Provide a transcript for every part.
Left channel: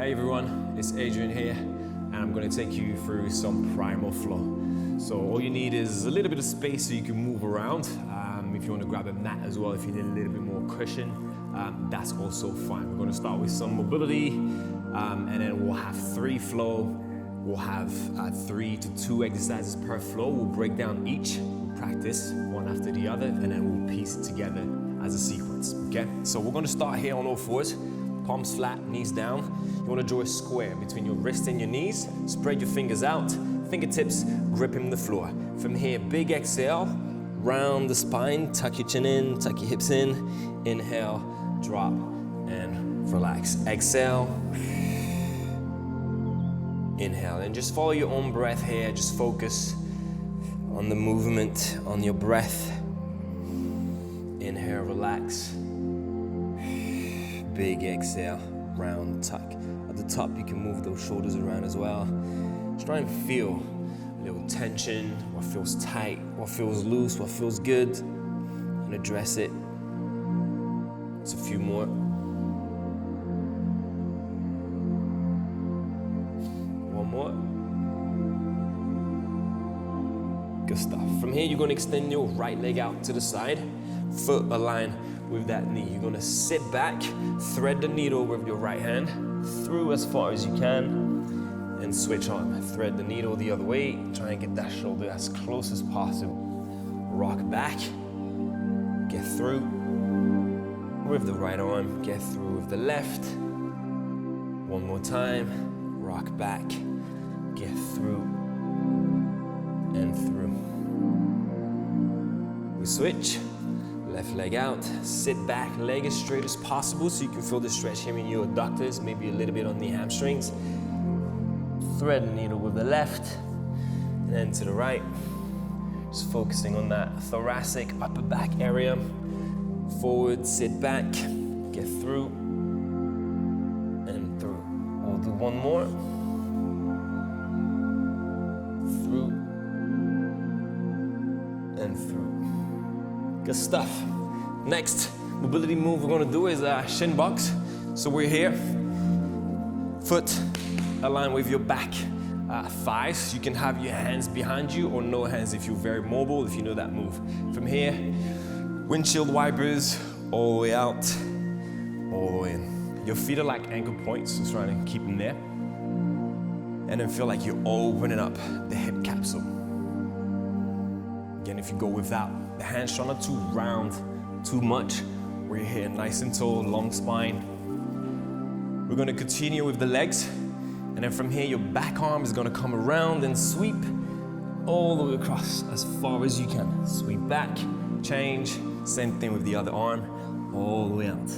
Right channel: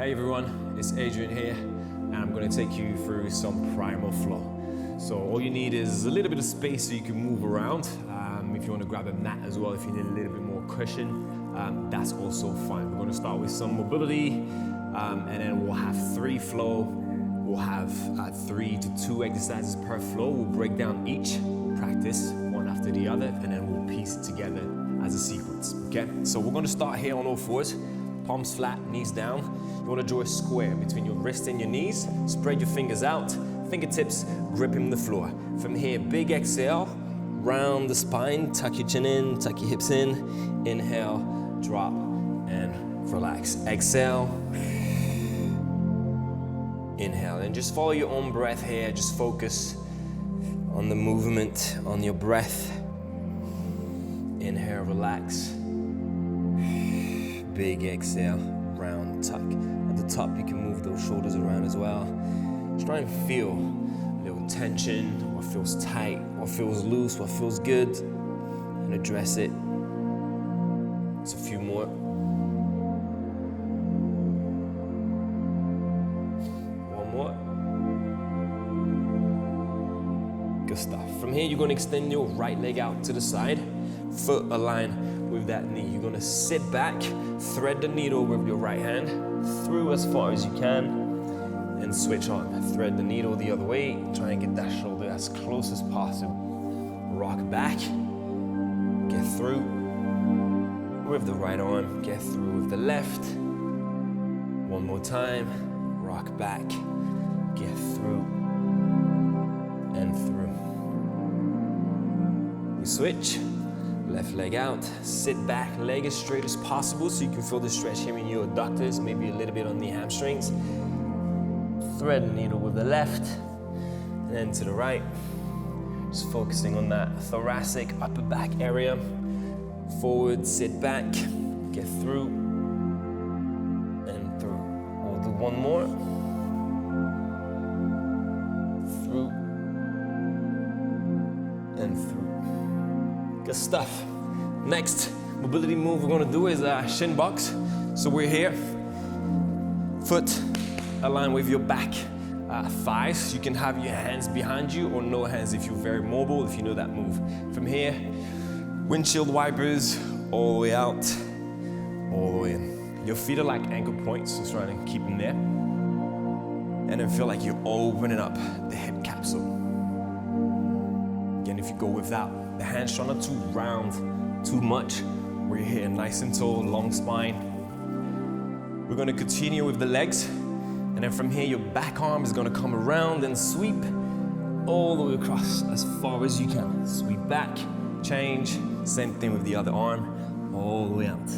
Hey everyone, it's Adrien here, and I'm going to take you through some Primal Flow. So all you need is a little bit of space so you can move around. If you want to grab a mat as well, if you need a little bit more cushion, that's also fine. We're going to start with some mobility, and then we'll have 3 flow. We'll have 3 to 2 exercises per flow. We'll break down each, we'll practice one after the other, and then we'll piece it together as a sequence, okay? So we're going to start here on all fours. Palms flat, knees down. You want to draw a square between your wrist and your knees. Spread your fingers out, fingertips gripping the floor. From here, big exhale, round the spine, tuck your chin in, tuck your hips in. Inhale, drop, and relax. Exhale, inhale, and just follow your own breath here. Just focus on the movement, on your breath. Inhale, relax. Big exhale, round tuck. At the top, you can move those shoulders around as well. Just try and feel a little tension, what feels tight, what feels loose, what feels good, and address it. It's a few more. One more. Good stuff. From here, you're going to extend your right leg out to the side, foot aligned with that knee. You're going to sit back, thread the needle with your right hand through as far as you can, and switch on. Thread the needle the other way. Try and get that shoulder as close as possible. Rock back, get through with the right arm, get through with the left. One more time, rock back, get through and through. We switch. Left leg out, sit back, leg as straight as possible so you can feel the stretch here in your adductors, maybe a little bit on the hamstrings. Thread the needle with the left, and then to the right. Just focusing on that thoracic upper back area. Forward, sit back, get through, and through. We'll do one more. Through, and through. Good stuff. Next mobility move we're going to do is shin box. So we're here, foot aligned with your back thighs. You can have your hands behind you or no hands if you're very mobile, if you know that move. From here, windshield wipers all the way out, all the way in. Your feet are like anchor points, so try to keep them there. And then feel like you're opening up the hip capsule. Again, if you go without the hands, try not to round too much. We're here nice and tall, long spine. We're gonna continue with the legs. And then from here, your back arm is gonna come around and sweep all the way across as far as you can. Sweep back, change, same thing with the other arm, all the way out.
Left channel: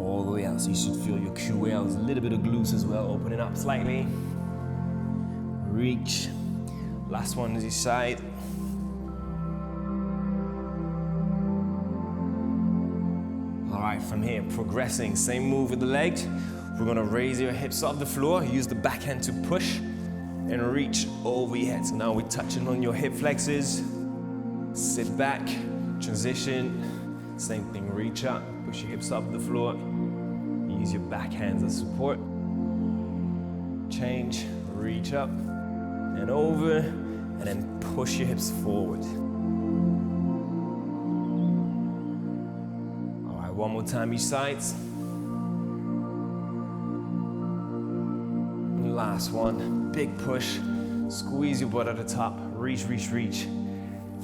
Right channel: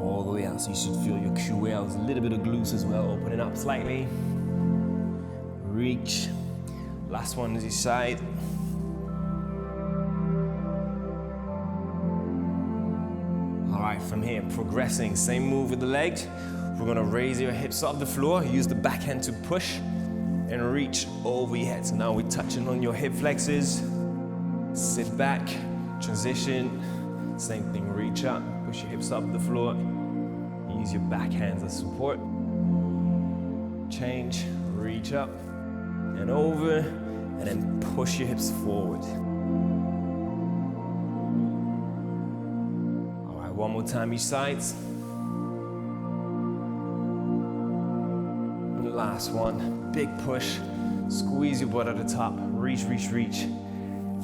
All the way out, so you should feel your QLs, a little bit of glutes as well, opening up slightly. Reach. Last one is each side. All right, from here, progressing. Same move with the legs. We're gonna raise your hips off the floor, use the back hand to push, and reach over your head. So now we're touching on your hip flexors. Sit back, transition. Same thing, reach up, push your hips off the floor. Use your back hands as support. Change, reach up, and over, and then push your hips forward. All right, one more time each side. Last one, big push. Squeeze your butt at the top, reach, reach, reach,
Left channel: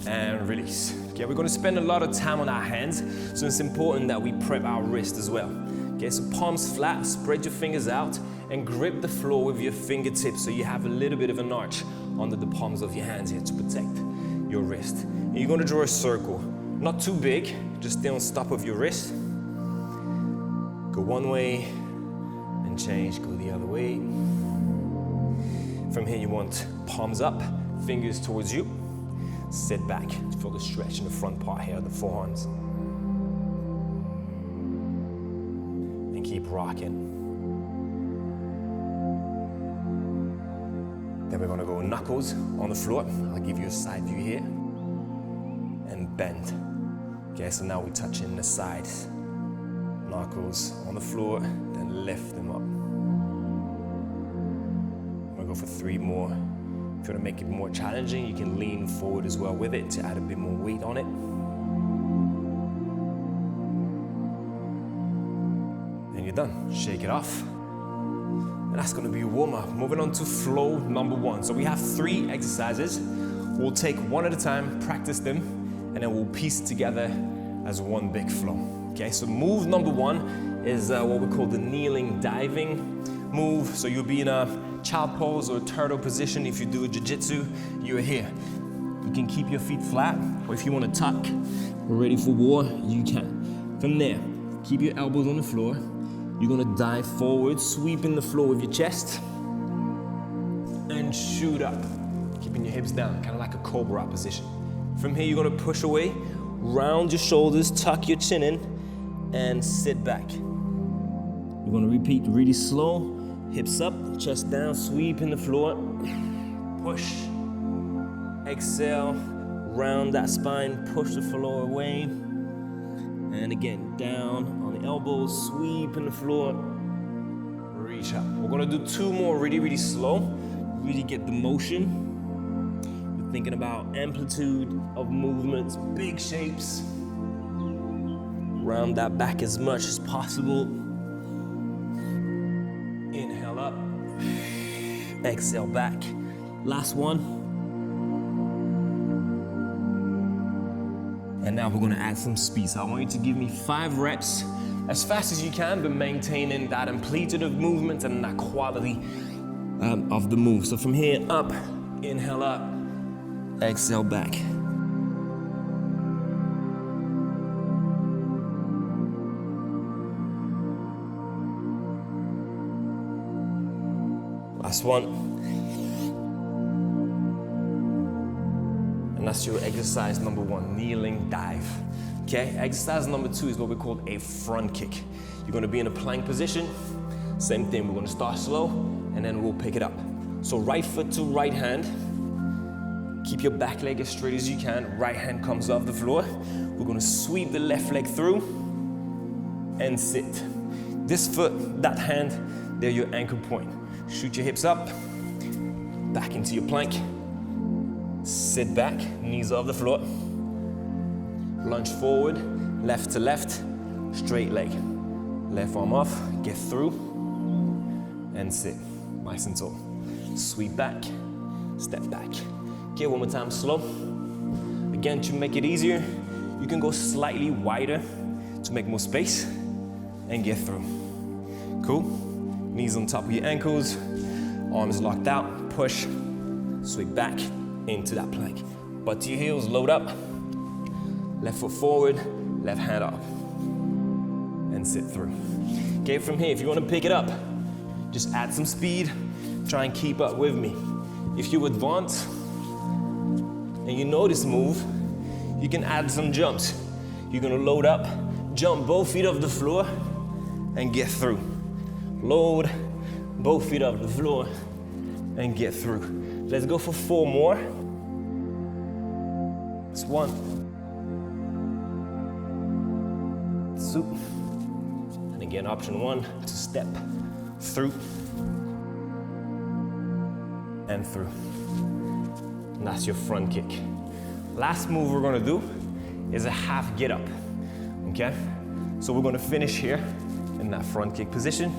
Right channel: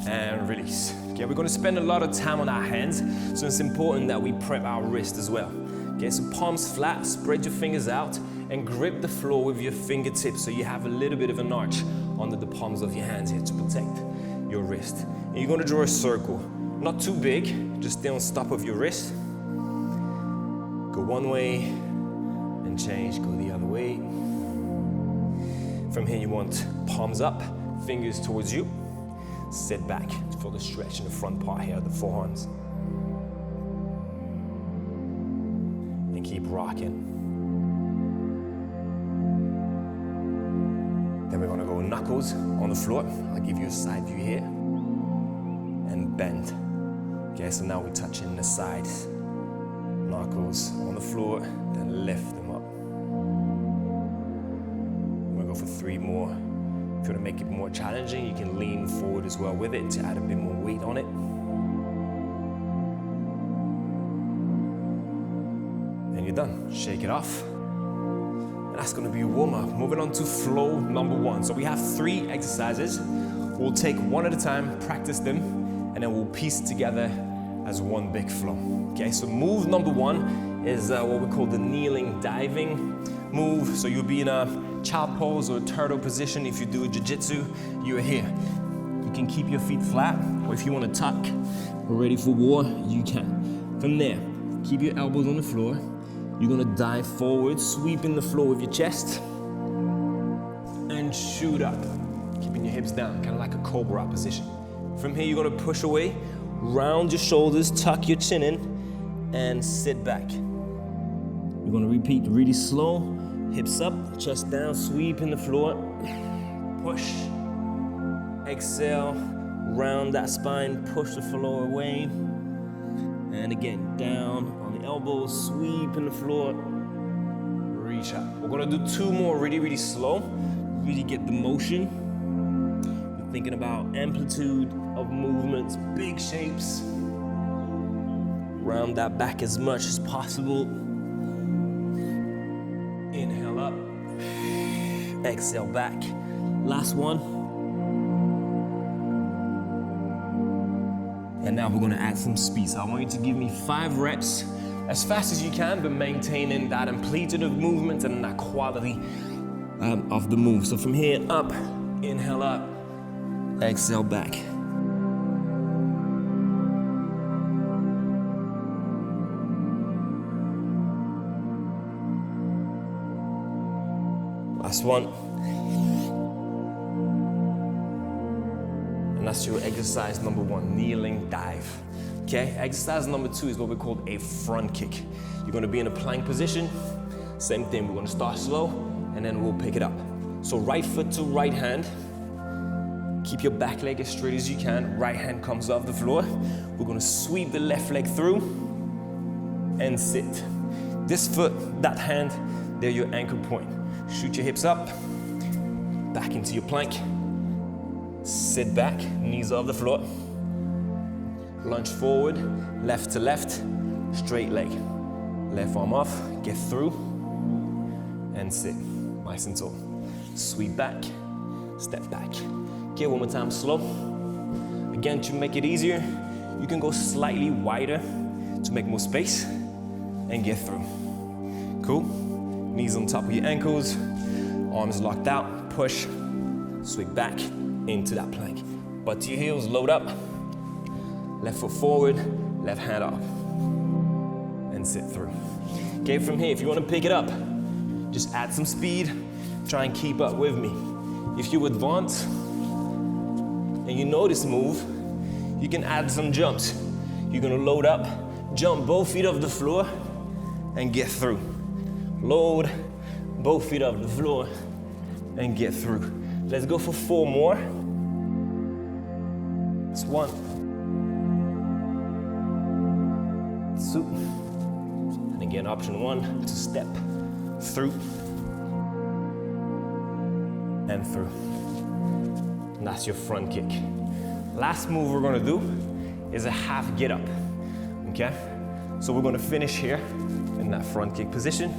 and release. Okay, we're gonna spend a lot of time on our hands, so it's important that we prep our wrist as well. Okay, so palms flat, spread your fingers out, and grip the floor with your fingertips so you have a little bit of an arch under the palms of your hands here to protect your wrist. And you're gonna draw a circle. Not too big, just stay on top of your wrist. Go one way and change, go the other way. From here you want palms up, fingers towards you. Sit back, feel the stretch in the front part here, the forearms. And keep rocking. Then we're gonna go knuckles on the floor. I'll give you a side view here. And bend. Okay, so now we're touching the sides. knuckles on the floor, then lift them up. I'm gonna go for 3 more. If you wanna make it more challenging, you can lean forward as well with it to add a bit more weight on it. And you're done. Shake it off. And that's gonna be your warm-up. Moving on to flow number 1. So we have 3 exercises. We'll take one at a time, practice them, and then we'll piece it together as one big flow. Okay, so move number 1 is what we call the kneeling diving move. So you'll be in a child pose or a turtle position. If you do a jiu-jitsu, you're here. You can keep your feet flat, or if you want to tuck or ready for war, you can. From there, keep your elbows on the floor. You're gonna dive forward, sweeping the floor with your chest, and shoot up, keeping your hips down, kind of like a cobra position. From here, you're gonna push away, round your shoulders, tuck your chin in, and sit back. You're gonna repeat really slow, hips up, chest down, sweeping the floor, push, exhale, round that spine, push the floor away, and again, down on the elbows, sweeping the floor, reach up. We're gonna do 2 more really, really slow, really get the motion. You're thinking about amplitude of movements, big shapes. Round that back as much as possible. Inhale up, exhale back. Last one. And now we're gonna add some speed. So I want you to give me 5 reps as fast as you can, but maintaining that amplitude of movement and that quality of the move. So from here up, inhale up, exhale back. Last one. And that's your exercise number 1, kneeling dive. Okay, exercise number 2 is what we call a front kick. You're gonna be in a plank position. Same thing, we're gonna start slow and then we'll pick it up. So right foot to right hand. Keep your back leg as straight as you can. Right hand comes off the floor. We're gonna sweep the left leg through and sit. This foot, that hand, they're your anchor point. Shoot your hips up, back into your plank. Sit back, knees off the floor. Lunge forward, left to left, straight leg. Left arm off, get through, and sit. Nice and tall. Sweep back, step back. Okay, one more time, slow. Again, to make it easier, you can go slightly wider to make more space and get through. Cool? Knees on top of your ankles, arms locked out, push, sweep back into that plank. Butt to your heels, load up, left foot forward, left hand up, and sit through. Okay, from here, if you want to pick it up, just add some speed, try and keep up with me. If you advance and you know this move, you can add some jumps. You're gonna load up, jump both feet off the floor, and get through. Load both feet off the floor, and get through. Let's go for 4 more. That's 1, 2, and again, option 1 to step through and through. And that's your front kick. Last move we're gonna do is a half get up, okay? So we're gonna finish here in that front kick position.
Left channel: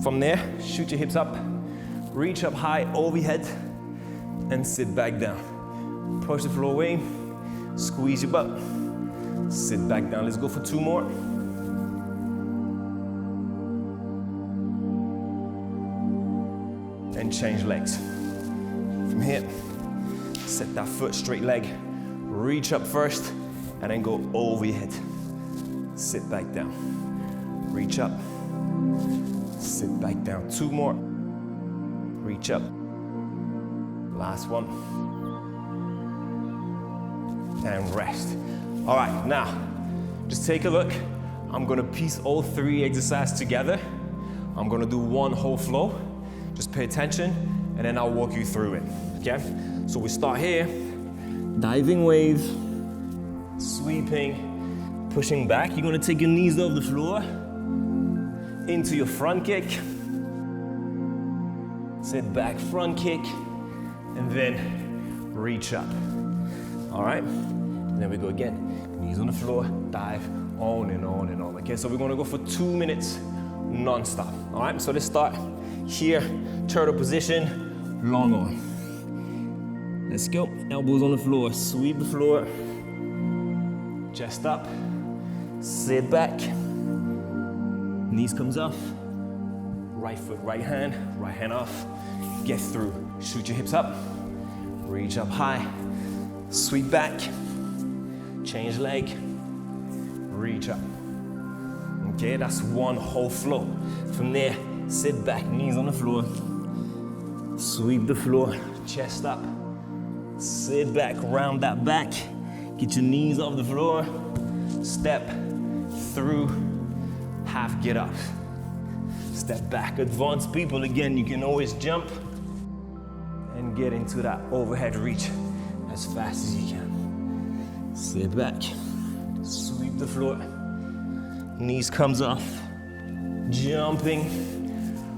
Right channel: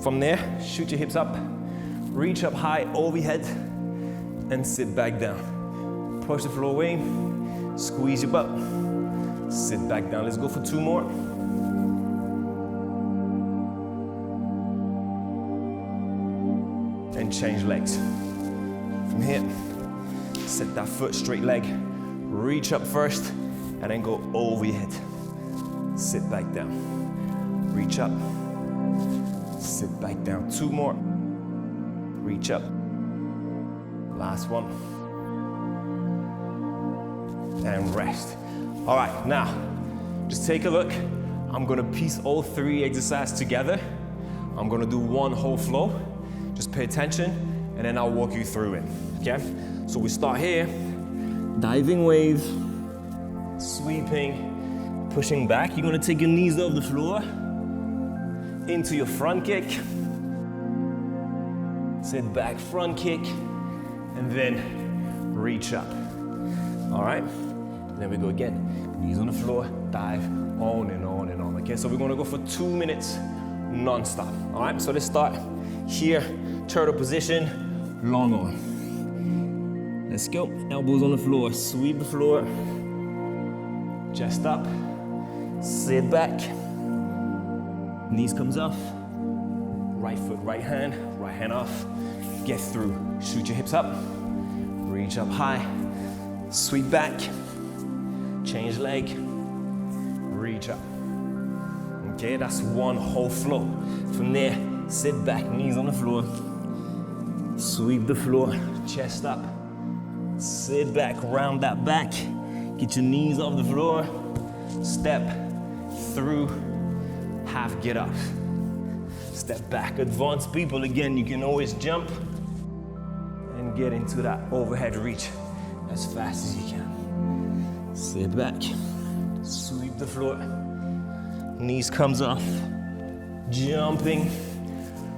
From there, shoot your hips up, reach up high over your head, and sit back down. Push the floor away, squeeze your butt, sit back down. Let's go for 2 more. And change legs. From here, set that foot, straight leg, reach up first, and then go over your head. Sit back down. Reach up, sit back down. 2 more. Reach up. Last one. And rest. All right, now, just take a look. I'm gonna piece all 3 exercises together. I'm gonna do 1 whole flow. Just pay attention, and then I'll walk you through it, okay? So we start here, diving wave, sweeping, pushing back. You're gonna take your knees off the floor, into your front kick. Sit back, front kick, and then reach up. All right, and then we go again. Knees on the floor, dive, on and on and on. Okay, so we're gonna go for 2 minutes non-stop. All right, so let's start here, turtle position, long arm. Let's go, elbows on the floor, sweep the floor, chest up, sit back, knees comes off, right foot, right hand off, get through, shoot your hips up, reach up high, sweep back, change leg, reach up. Okay, that's one whole flow. From there, sit back, knees on the floor, sweep the floor, chest up, sit back, round that back, get your knees off the floor, step through, half get up. Step back. Advanced people, again, you can always jump and get into that overhead reach as fast as you can. Sit back, sweep the floor, knees comes off, jumping,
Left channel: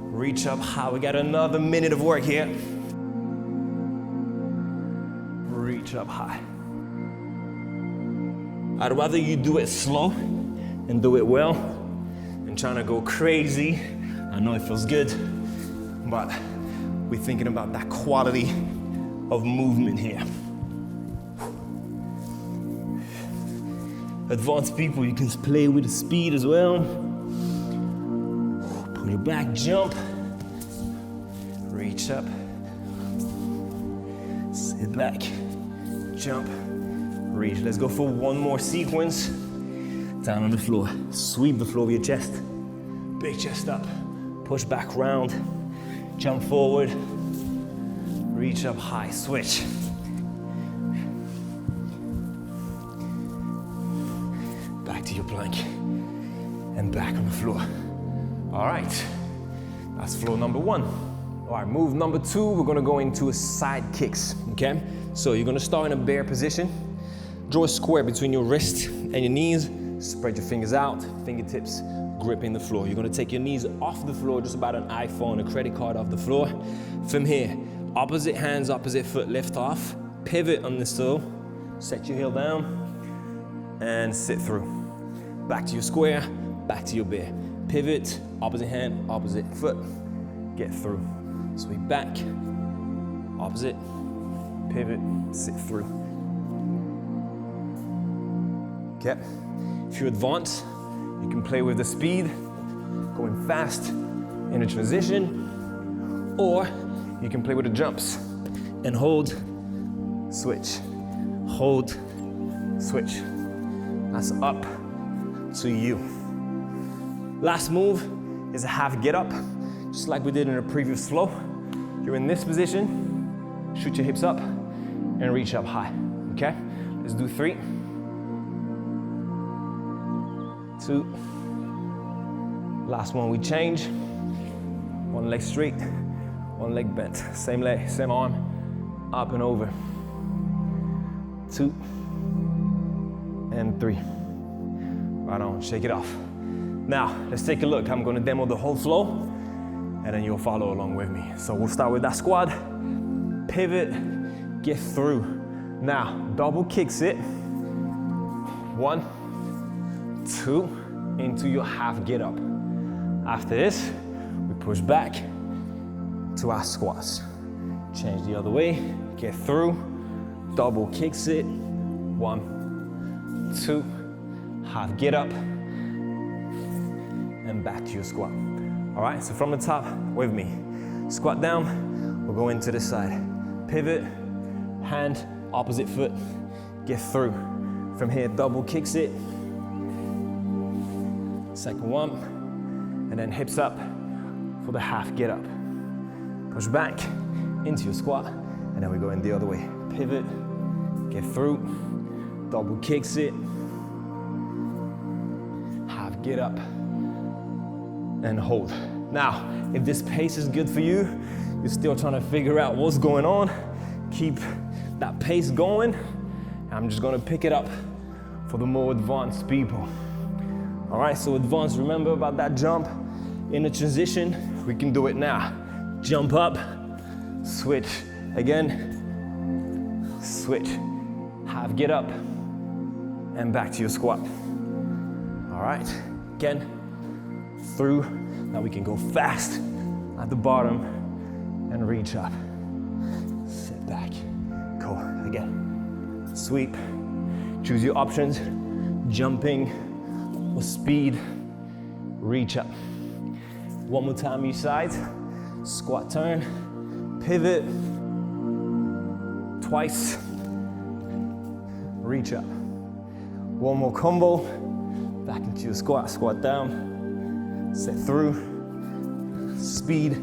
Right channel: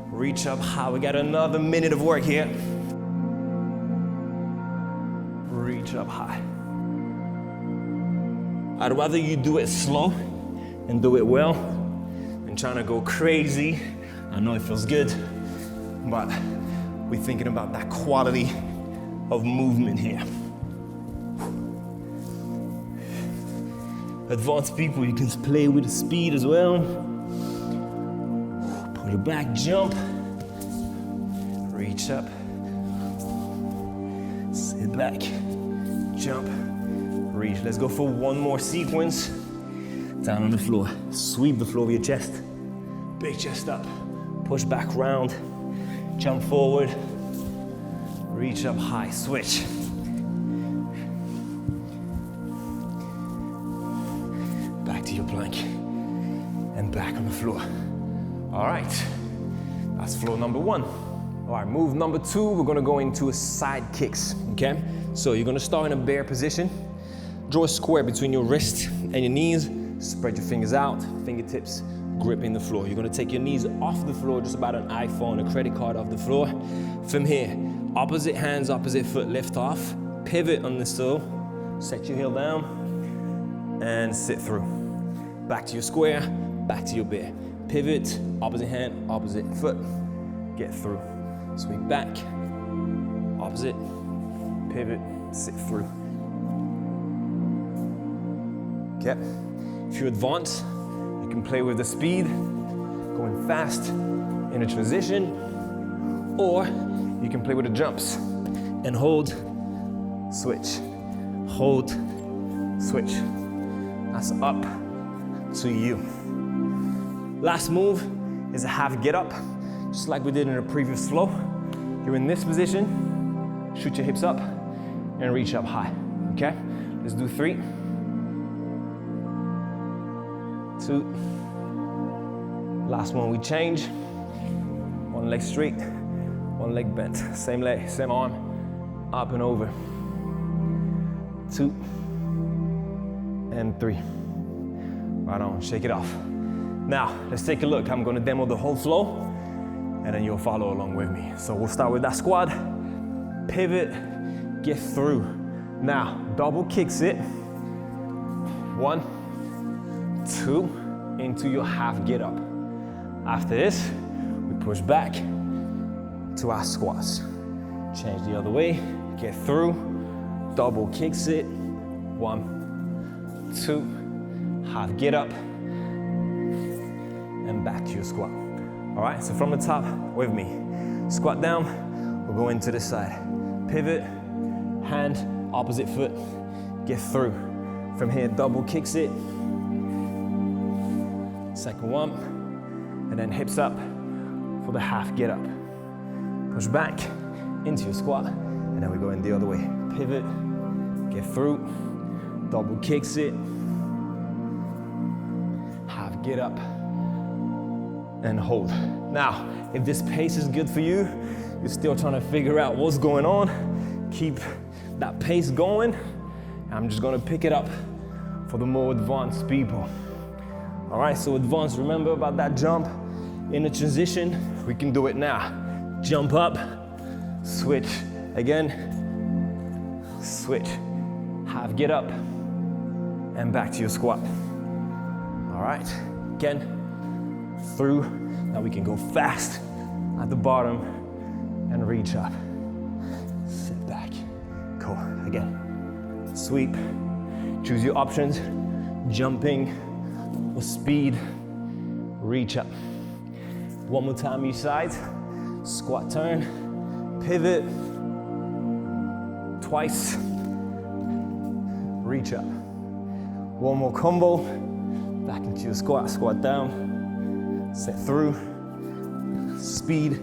reach up high. We got another minute of work here. Reach up high. I'd rather you do it slow and do it well than trying to go crazy. I know it feels good, but we're thinking about that quality of movement here. Advanced people, you can play with the speed as well. Pull your back, jump, reach up, sit back, jump, reach. Let's go for one more sequence. Down on the floor, sweep the floor with your chest, big chest up. Push back round, jump forward, reach up high, switch. Back to your plank and back on the floor. All right, that's flow number one. All right, move number two, we're gonna go into a side kicks, okay? So you're gonna start in a bear position. Draw a square between your wrist and your knees, spread your fingers out, fingertips gripping the floor. You're gonna take your knees off the floor, just about an iPhone, a credit card off the floor. From here, opposite hands, opposite foot, lift off, pivot on the stool, set your heel down, and sit through. Back to your square, back to your bear. Pivot, opposite hand, opposite foot, get through. Sweep back, opposite, pivot, sit through. Okay, if you advance, you can play with the speed, going fast in a transition, or you can play with the jumps and hold, switch, hold, switch. That's up to you. Last move is a half get up, just like we did in the previous flow. You're in this position, shoot your hips up and reach up high, okay? Let's do 3, 2, last one we change. One leg straight, one leg bent. Same leg, same arm, up and over. 2 and 3. Right on, shake it off. Now, let's take a look. I'm gonna demo the whole flow and then you'll follow along with me. So we'll start with that squat, pivot, get through. Now, double kicks it. 1, 2, into your half get up. After this, we push back to our squats. Change the other way, get through, double kicks it. 1, 2, half get up, and back to your squat. All right, so from the top with me. Squat down, we'll go into the side. Pivot, hand, opposite foot, get through. From here, double kicks it. Second one, and then hips up for the half get up. Push back into your squat, and then we go in the other way. Pivot, get through, double kicks it, half get up, and hold. Now, if this pace is good for you, you're still trying to figure out what's going on, keep that pace going. I'm just gonna pick it up for the more advanced people. All right, so advanced, remember about that jump, In a transition, we can do it now. Jump up, switch again, switch. Half get up, and back to your squat. All right, again, through. Now we can go fast at the bottom and reach up. Sit back, go again. Sweep, choose your options, jumping or speed, reach up. One more time each side, squat turn, pivot, twice, reach up. One more combo, back into your squat, squat down, set through, speed,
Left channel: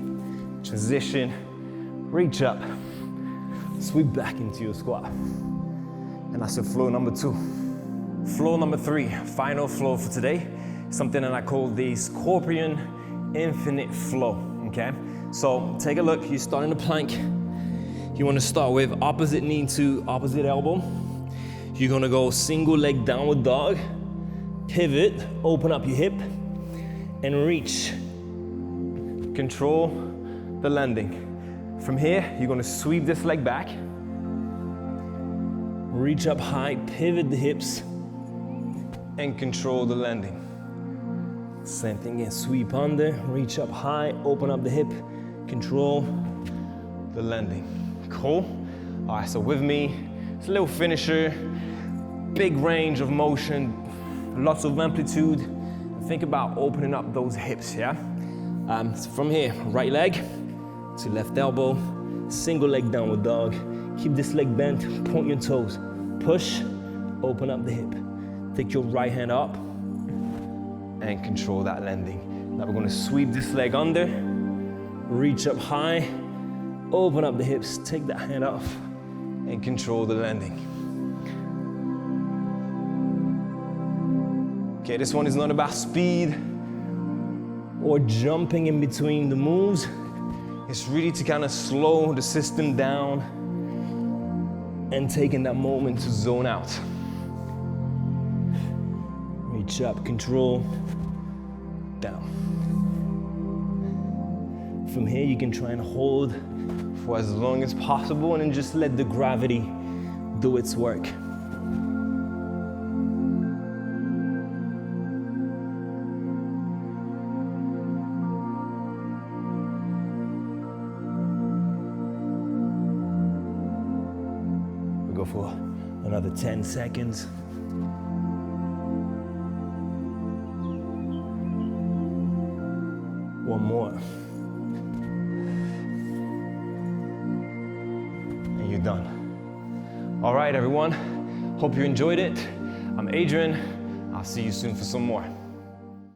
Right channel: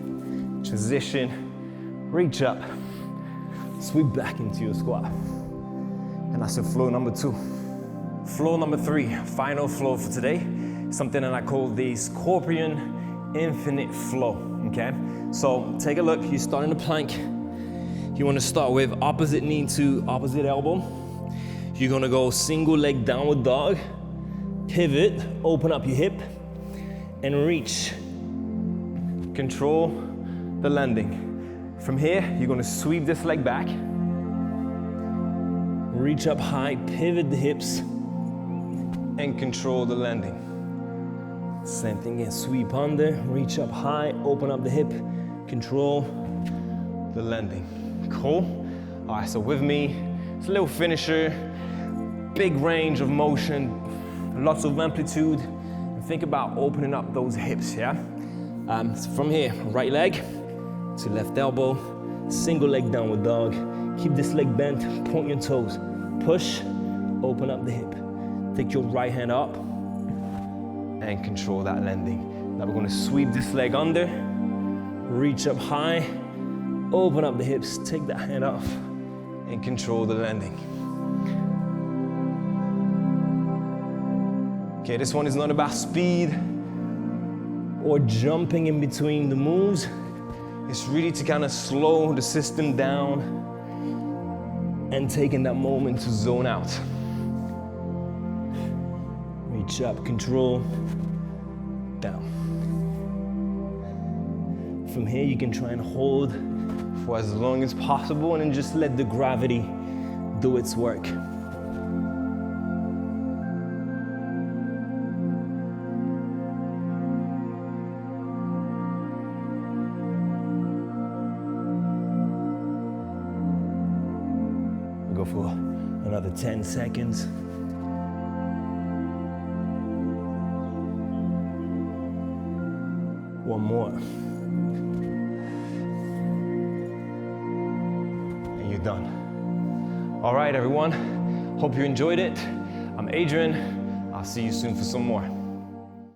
transition, reach up, sweep back into your squat. And that's your flow number 2. Flow number 3, final flow for today, something that I call the Scorpion Infinite Flow, okay? So take a look, you start in a plank. You wanna start with opposite knee to opposite elbow. You're gonna go single leg downward dog, pivot, open up your hip, and reach. Control the landing. From here, you're gonna sweep this leg back, reach up high, pivot the hips, and control the landing. Same thing again, sweep under, reach up high, open up the hip, control the landing. Cool? All right, so with me, it's a little finisher, big range of motion, lots of amplitude, and think about opening up those hips, yeah? So from here, right leg to left elbow, single leg downward dog, keep this leg bent, point your toes, push, open up the hip. Take your right hand up and control that landing. Now we're gonna sweep this leg under, reach up high, open up the hips, take that hand off, and control the landing. Okay, this one is not about speed or jumping in between the moves. It's really to kind of slow the system down and taking that moment to zone out. Reach up, control, down. From here, you can try and hold for as long as possible and then just let the gravity do its work. We go for another 10 seconds. One more. And you're done. All right, everyone. Hope you enjoyed it. I'm Adrien. I'll see you soon for some more.